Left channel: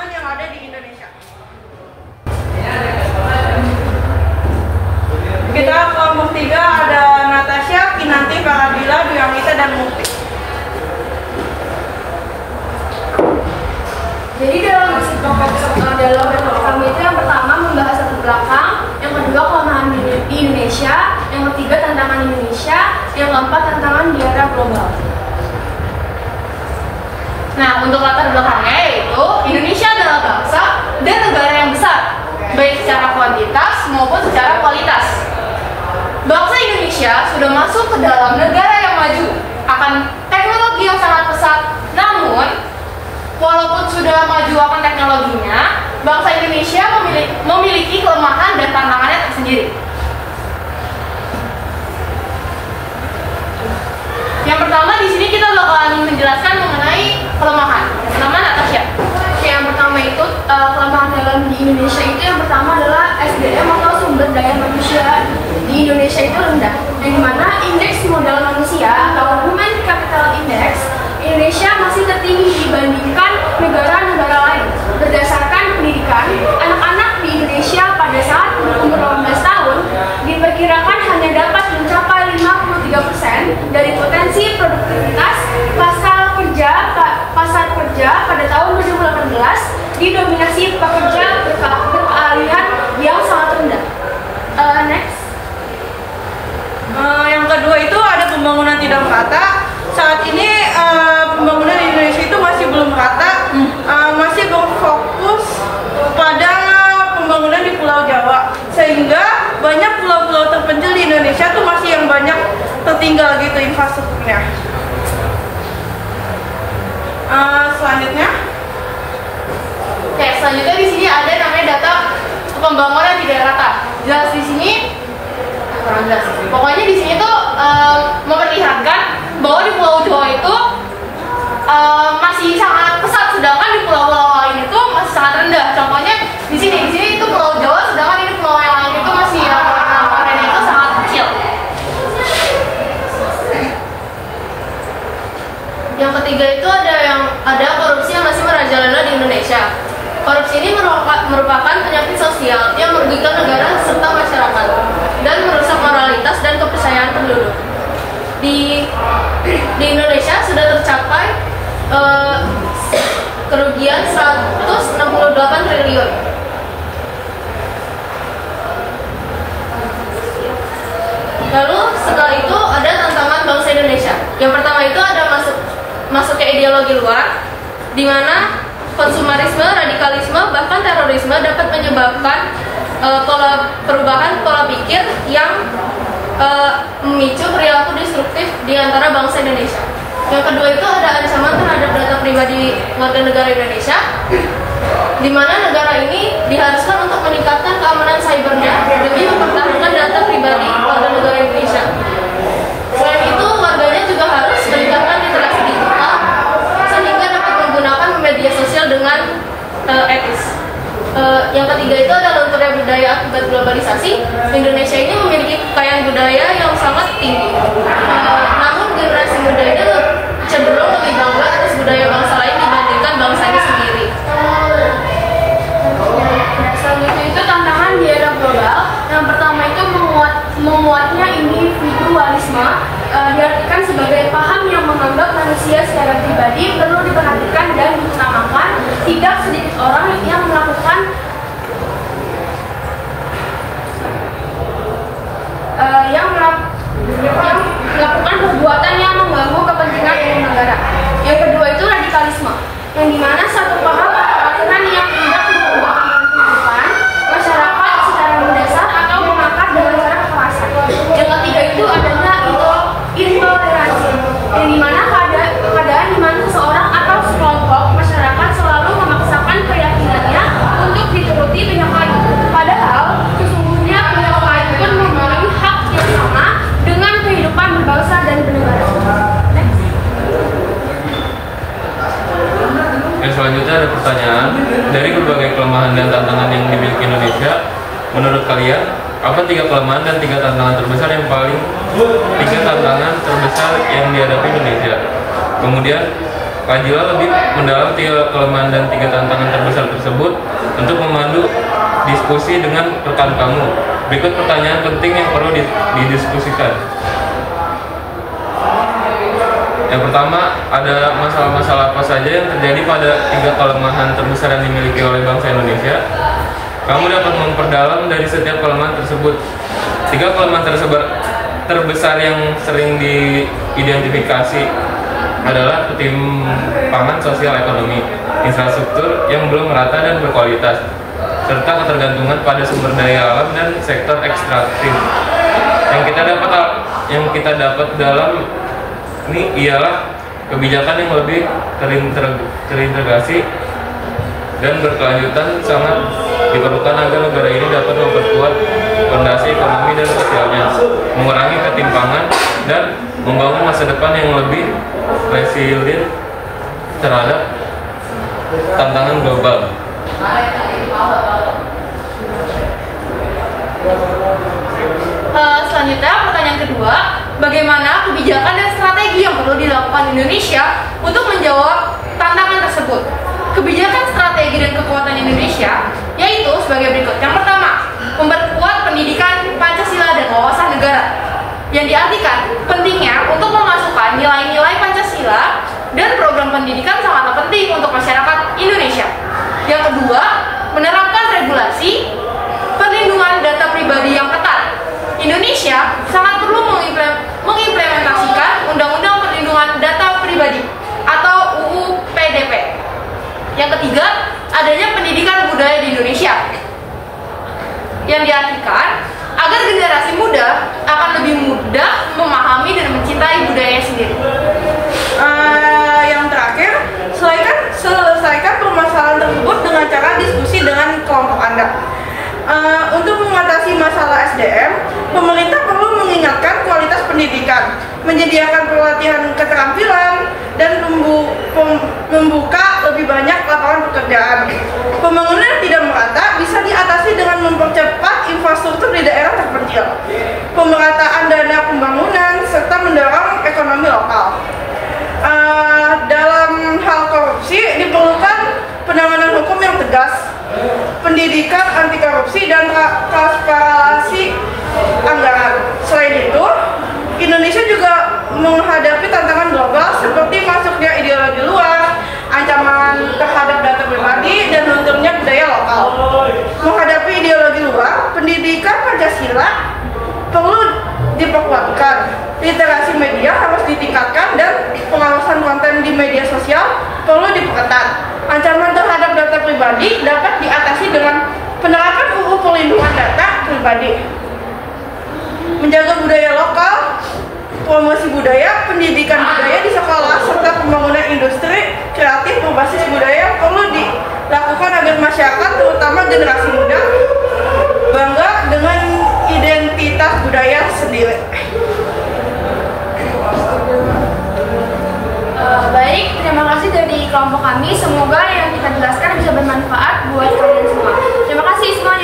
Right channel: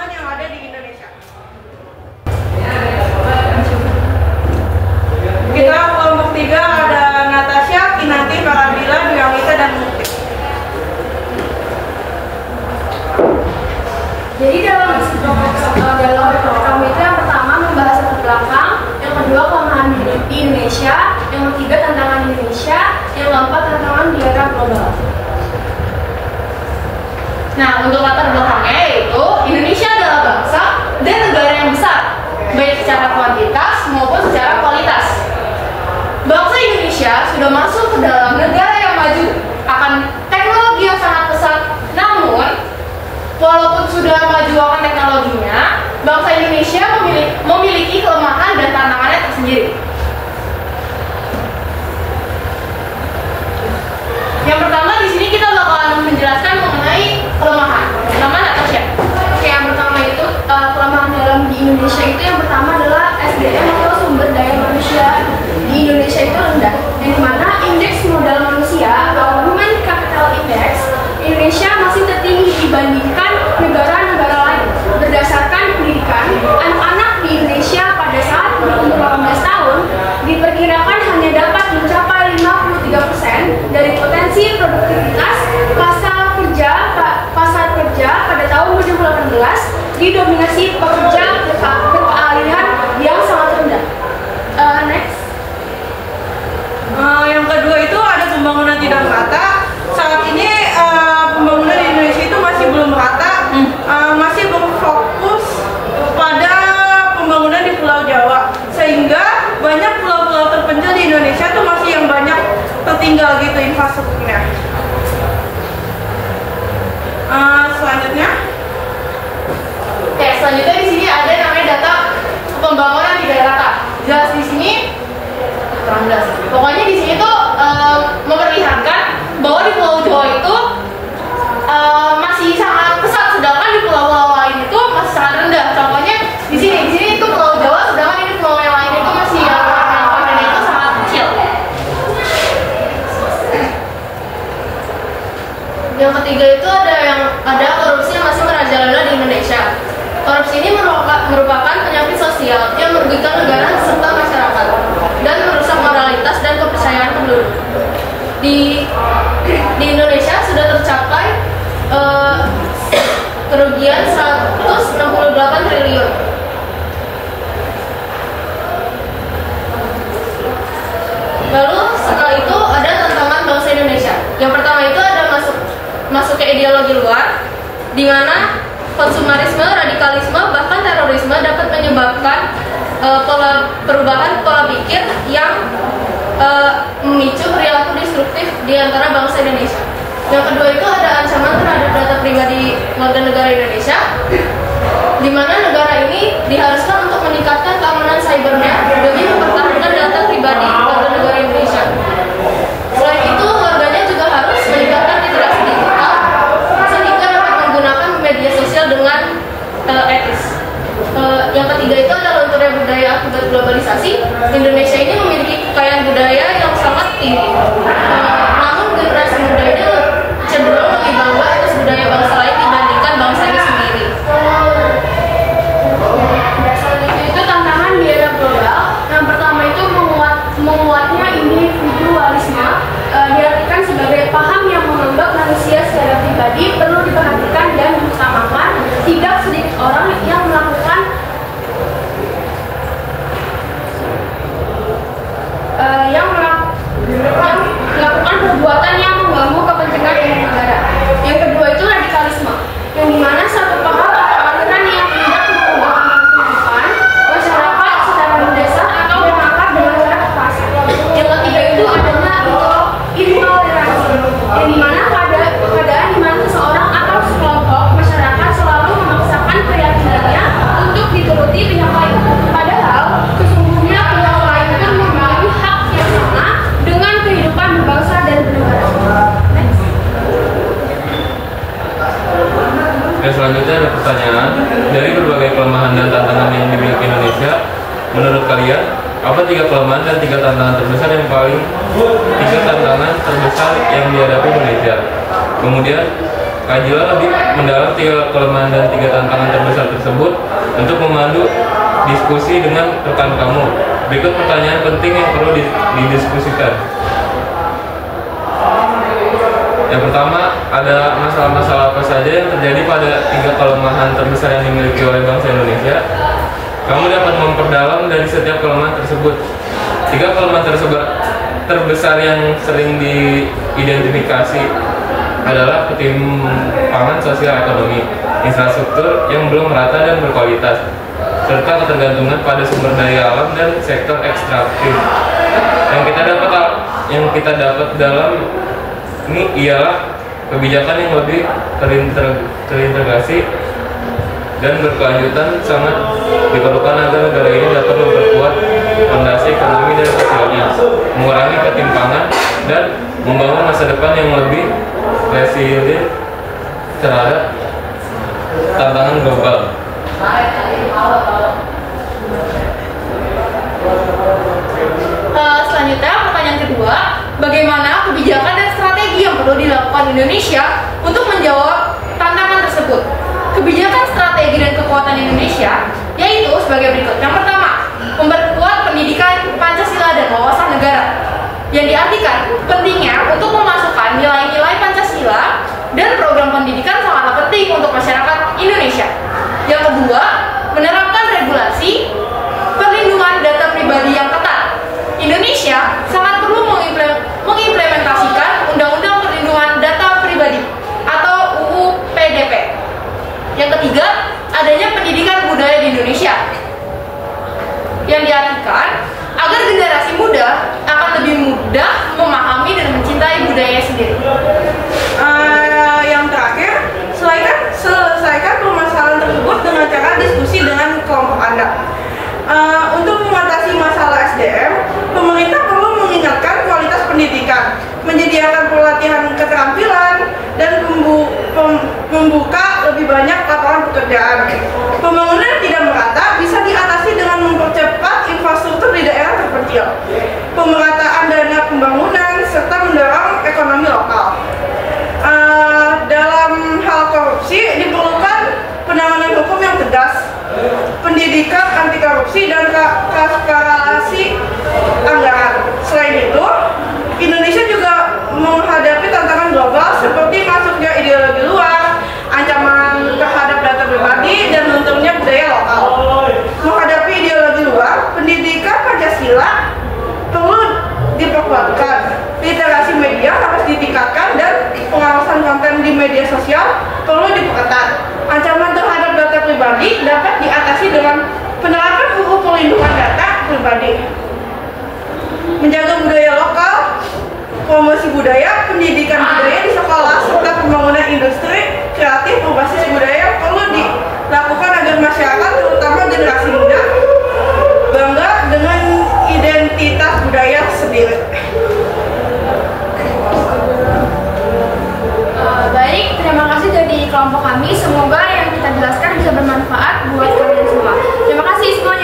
kelemahan yang ada di Indonesia. Kita kelompok 3 ada Natasha, Kinanti, Farabila, Dwiamita, dan Mukti. Jadi dalam report kami itu yang pertama membahas latar belakang, yang kedua kelemahan di Indonesia, yang ketiga tantangan Indonesia, yang keempat tantangan di era global. Nah, untuk latar belakangnya yaitu Indonesia adalah bangsa dan negara yang besar, baik secara kuantitas maupun secara kualitas. Bangsa Indonesia sudah masuk ke dalam negara yang maju akan teknologi yang sangat pesat. Namun, walaupun sudah maju akan teknologinya, bangsa Indonesia memiliki kelemahan dan tantangannya tersendiri. Yang pertama di sini kita bakalan menjelaskan mengenai kelemahan. Pertama, Natasha. Oke, yang pertama itu kelemahan dalam di Indonesia itu yang pertama adalah SDM atau sumber daya manusia di Indonesia itu rendah. Yang dimana indeks modal manusia atau Human Capital Index Indonesia masih tertinggi dibandingkan negara-negara lain. Berdasarkan pendidikan, anak-anak di Indonesia pada saat berumur 18 tahun diperkirakan hanya dapat mencapai 53% dari potensi produktivitas pasar kerja pada tahun 2018 didominasi pekerja berkeahlian yang sangat rendah. Next. Yang kedua itu ada pembangunan tidak merata. Saat ini pembangunan di Indonesia itu masih belum merata, masih berfokus pada pembangunan di Pulau Jawa, sehingga banyak pulau-pulau terpencil di Indonesia tuh masih yang banyak tertinggal gitu infrastrukturnya. Selanjutnya, selanjutnya di sini ada namanya data pembangunan tidak rata. Jelas di sini kurang jelas. Pokoknya di sini tuh memperlihatkan bahwa di Pulau Jawa itu masih sangat pesat, sedangkan di pulau-pulau lain itu masih sangat rendah. Contohnya di sini itu Pulau Jawa, sedangkan di pulau yang lain itu masih yang warnanya itu sangat kecil. Yang ketiga itu ada korupsi yang masih merajalela di Indonesia. Korupsi ini merupakan penyakit sosial yang merugikan negara serta masyarakat dan merusak moralitas dan kepercayaan penduduk. Di Indonesia sudah tercapai kerugian 168 triliun. Lalu setelah itu ada tantangan bangsa Indonesia. Yang pertama itu ada masuk ke ideologi luar, di mana konsumerisme, radikalisme, bahkan terorisme dapat menyebabkan perubahan pola pikir yang memicu perilaku destruktif di antara bangsa Indonesia. Yang kedua itu ada ancaman terhadap data pribadi warga negara Indonesia, di mana negara ini diharuskan untuk meningkatkan keamanan cybernya demi mempertahankan data pribadi warga negara Indonesia. Selain itu, warganya juga harus meningkatkan literasi digital sehingga dapat menggunakan media sosial dengan etis. Yang ketiga itu adalah lunturnya budaya akibat globalisasi. Indonesia ini memiliki kekayaan budaya yang sangat tinggi. Namun generasi muda ini cenderung lebih bangga atas budaya bangsa lain dibandingkan bangsanya sendiri. Selanjutnya itu tantangan di era global. Yang pertama itu menguatnya individualisme, diartikan sebagai paham yang menganggap manusia secara pribadi perlu diperhatikan dan diutamakan. Tidak sedikit orang yang melakukan perbuatan yang mengganggu kepentingan umum negara. Yang kedua itu radikalisme, yang dimana satu paham atau aliran yang tidak mengubahkan kehidupan masyarakat secara mendasar atau mengangkat dengan cara kekerasan. Yang ketiga itu adalah intoleransi, yang dimana keadaan dimana seseorang atau sekelompok masyarakat selalu memaksakan keyakinannya untuk dituruti pihak lain. Padahal sesungguhnya pihak lain itu memiliki hak yang sama dengan kehidupan berbangsa dan bernegara. Selanjutnya ada pertanyaan, dari berbagai kelemahan dan tantangan yang dimiliki Indonesia, menurut kalian apa 3 kelemahan dan 3 tantangan terbesar yang dihadapi Indonesia? Kemudian kajilah lebih mendalam 3 kelemahan dan 3 tantangan terbesar tersebut untuk memandu diskusi dengan rekan kamu. Berikut pertanyaan penting yang perlu didiskusikan. Yang pertama, ada masalah-masalah apa saja yang terjadi pada 3 kelemahan terbesar yang dimiliki oleh bangsa Indonesia. Kamu dapat memperdalam dari setiap kelemahan tersebut. 3 kelemahan terbesar yang sering diidentifikasi adalah ketimpangan sosial ekonomi, infrastruktur yang belum merata dan berkualitas, serta ketergantungan pada sumber daya alam dan sektor ekstraktif. Yang kita dapat dalam ini ialah kebijakan yang lebih terintegrasi dan berkelanjutan sangat diperlukan agar negara ini dapat memperkuat fondasi ekonomi dan sosialnya, mengurangi ketimpangan, dan membangun masa depan yang lebih resilient terhadap tantangan global. Selanjutnya, pertanyaan kedua, bagaimana kebijakan dan strategi yang perlu dilakukan Indonesia untuk menjawab tantangan tersebut? Kebijakan, strategi, dan kekuatan Indonesia yaitu sebagai berikut. Yang pertama, memperkuat pendidikan Pancasila dan wawasan negara, yang diartikan pentingnya untuk memasukkan nilai-nilai Pancasila dan program pendidikan sangatlah penting untuk masyarakat Indonesia. Yang kedua, menerapkan regulasi perlindungan data pribadi yang ketat. Indonesia sangat perlu mengimplementasikan Undang-Undang Perlindungan Data Pribadi atau UU PDP. Yang ketiga, adanya pendidikan budaya di Indonesia, yang diartikan agar generasi muda akan lebih mudah memahami dan mencintai budayanya sendiri. Yang terakhir, selesaikan permasalahan tersebut dengan cara diskusi dengan kelompok Anda. Untuk mengatasi masalah SDM, pemerintah perlu mengingatkan kualitas pendidikan, menyediakan pelatihan keterampilan, dan membuka lebih banyak lapangan pekerjaan. Pembangunan yang tidak merata bisa diatasi dengan mempercepat infrastruktur di daerah terpencil, pemerataan dana pembangunan, serta mendorong ekonomi lokal. Dalam hal korupsi diperlukan penanganan hukum yang tegas, pendidikan anti korupsi, dan transparansi anggaran. Selain itu, Indonesia juga menghadapi tantangan global seperti masuknya ideologi luar, ancaman terhadap data pribadi, dan lunturnya budaya lokal. Menghadapi ideologi luar, pendidikan Pancasila perlu diperkuatkan, literasi media harus ditingkatkan, dan pengawasan konten di media sosial perlu diperketat. Ancaman terhadap data pribadi dapat diatasi dengan penerapan UU Perlindungan Data Pribadi. Menjaga budaya lokal, promosi budaya, pendidikan budaya di sekolah, serta pembangunan industri kreatif berbasis budaya perlu dilakukan agar masyarakat, terutama generasi muda, bangga dengan identitas budaya sendiri. Baik, terima kasih dari kelompok kami. Semoga yang kita jelaskan bisa bermanfaat buat kalian semua. Terima kasih semuanya.